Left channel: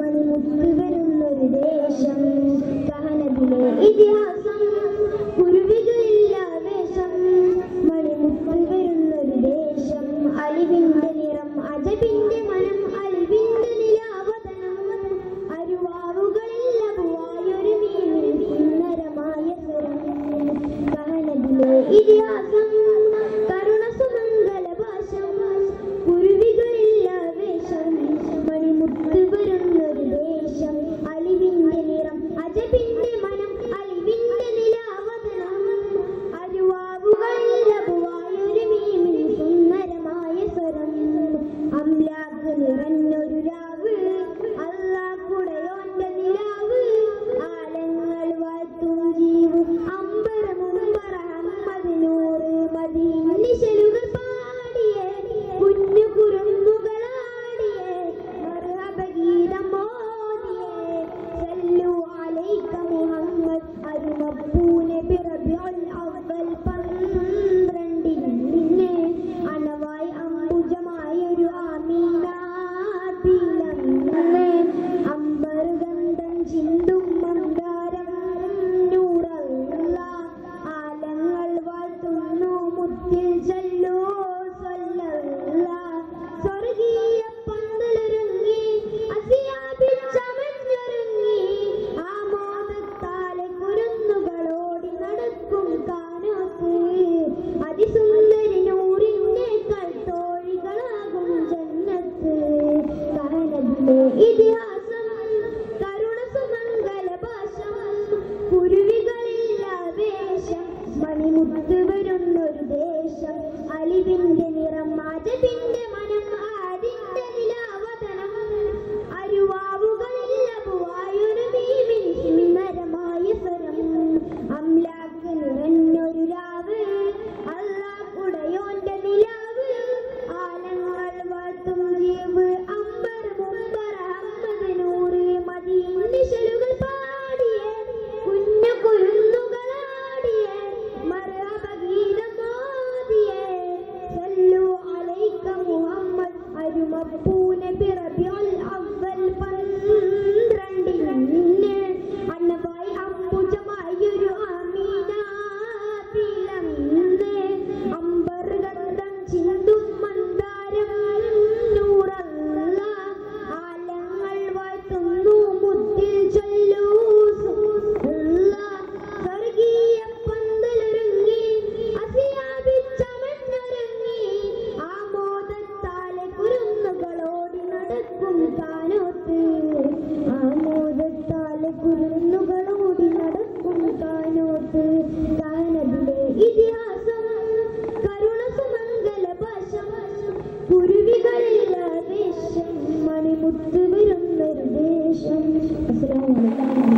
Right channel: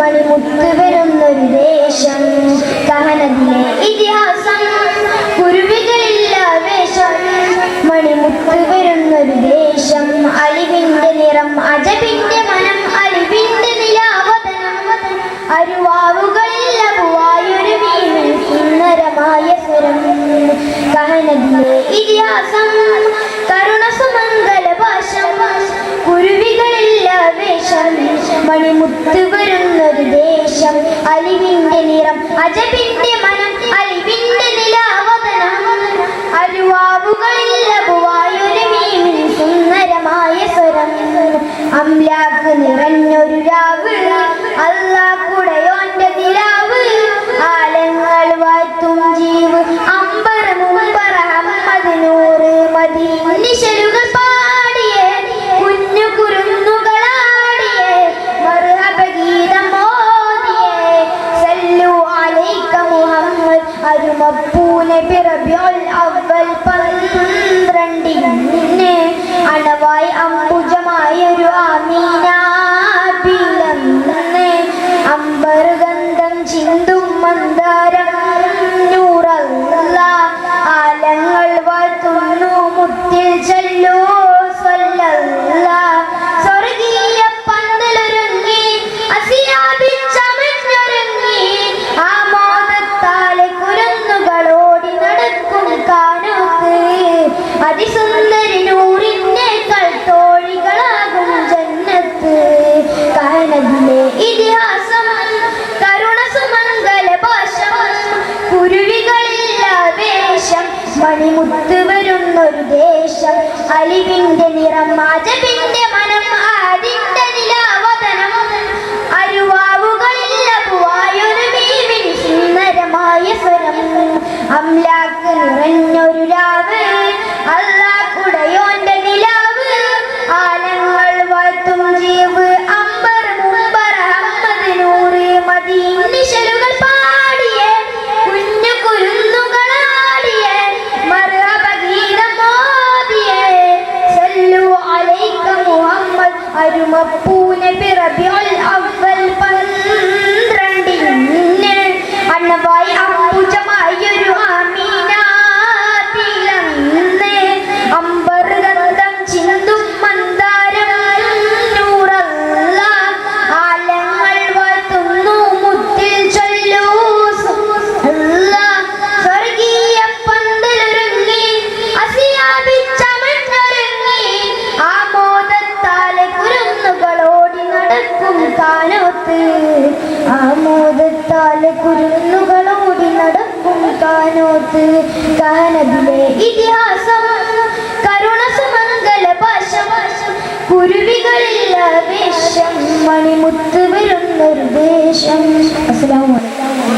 മണിമുത്ത് വരുന്നൊരു ദേശം കഹനത്തിലെ ഇതിഹാസം കുരുവികളില്ല വേഷം മണിമുത്ത് വരുന്നൊരു ദേശം അലിവിന്റെ നിറം അജബിന്റെ മനം അലിവിന്റെ നിലാവതനം അരുവാവുകളില്ല പൂവായൊരു മീനിൽ സുന്ദരമായ സ്വരം കഹനത്തിലെ ഇതിഹാസം കരുണ സുമംഗല ഭാഷം കുരുവികളില്ല വേഷം മണിമുത്ത് വരുന്നൊരു ദേശം അലിവിന്റെ നിറം അജബിന്റെ മനം അലിവിന്റെ നിലാവതനം അരുവാവുകളില്ല പൂവായൊരു മീനിൽ സുന്ദരമായ സ്വരം അംലാക്ക് നിറഞ്ഞൊരു രാവ് അല്ലാഹുടയോന്റെ നിലാവ് ആലങ്ങൾ വാഴ്ത്തും ജീവ് അമ്പർ മുമ്പർ അഹമ്മദ് നൂറ് മദീനിശലുകൾ പാടിയേ കുഞ്ഞു കുരുന്നുകളാടിയേ മർഹബ ഗീതം ഓതിയേ സല്ലു അലൈക മുഹമ്മദ് അരുമപ്പൂനെ റബീഉൽ അവ്വൽ 12 അണവായി അംബുജമായൊരു ആമീന പിളർന്ന് അമ്പർ ഗന്ധം ചിന്തും മന്ദാരം നൂറല്ല ആലങ്ങൾ വാഴ്ത്തുന്നു മുത്തിൽ ചൊല്ലൂ സ്വല്ലല്ലാഹ് സ്വർഗീയ പന്തലൊരുങ്ങി അസിയാബിൻ ചമഞ്ഞൊരുങ്ങി ആമോദത്താലെ കുരുന്നുകളോടി നടക്കും കാനോത്ത് അതിസുന്ദരി നൂറിനേക്കാൾ തോഴികളാകും ജന്നത്ത് കഹനത്തിലെ ഇതിഹാസം കരുണ സുമംഗല ഭാഷം കുരുവികളില്ല വേഷം മണിമുത്ത് വരുന്നൊരു ദേശം അലിവിന്റെ നിറം അജബിന്റെ മനം അതിന്റെ നിലാവതനം അരുവാവുകളില്ല പൂവായൊരു മീനിൻ സുന്ദരമായ സ്വരം അംലാക്ക് നിറഞ്ഞൊരു രാവ് അല്ലാഹുടയോന്റെ നിലാവ് ആലങ്ങൾ വാഴ്ത്തും ജീവ് അമ്പർ മുമ്പർ അഹമ്മദ് നൂറ് മദീനിശലുകൾ പാടിയേ കുഞ്ഞു കുരുന്നുകളാടിയേ മർഹബ ഗീതം ഓതിയേ സല്ലു അലൈക മുഹമ്മദ് അരുമപ്പൂനെ റബീഉൽ അവ്വൽ 12 അണവായി അംബുജമായൊരു ആമീന പിളർന്ന് അമ്പർ ഗന്ധം ചിന്തും മന്ദാരം നൂറല്ല ആലങ്ങൾ വാഴ്ത്തുന്നു മുത്തിൽ ചൊല്ലൂ സ്വല്ലല്ലാഹ് സ്വർഗീയ പന്തലൊരുങ്ങി അസിയാബിൻ ചമഞ്ഞൊരുങ്ങി ആമോദത്താലെ കുരുന്നുകളോടി നടക്കും കാനോത്ത് ആമോദത്താലെ കുരുന്നുകളോടി നടക്കും കാനോത്ത് കഹനത്തിലെ ഇതിഹാസം കരുണ സുമംഗല ഭാഷം കുരുവികളില്ല വേഷം മണിമുത്ത് വരുന്നൊരു ദേശം. അസ്സലാമു അലൈക്കും.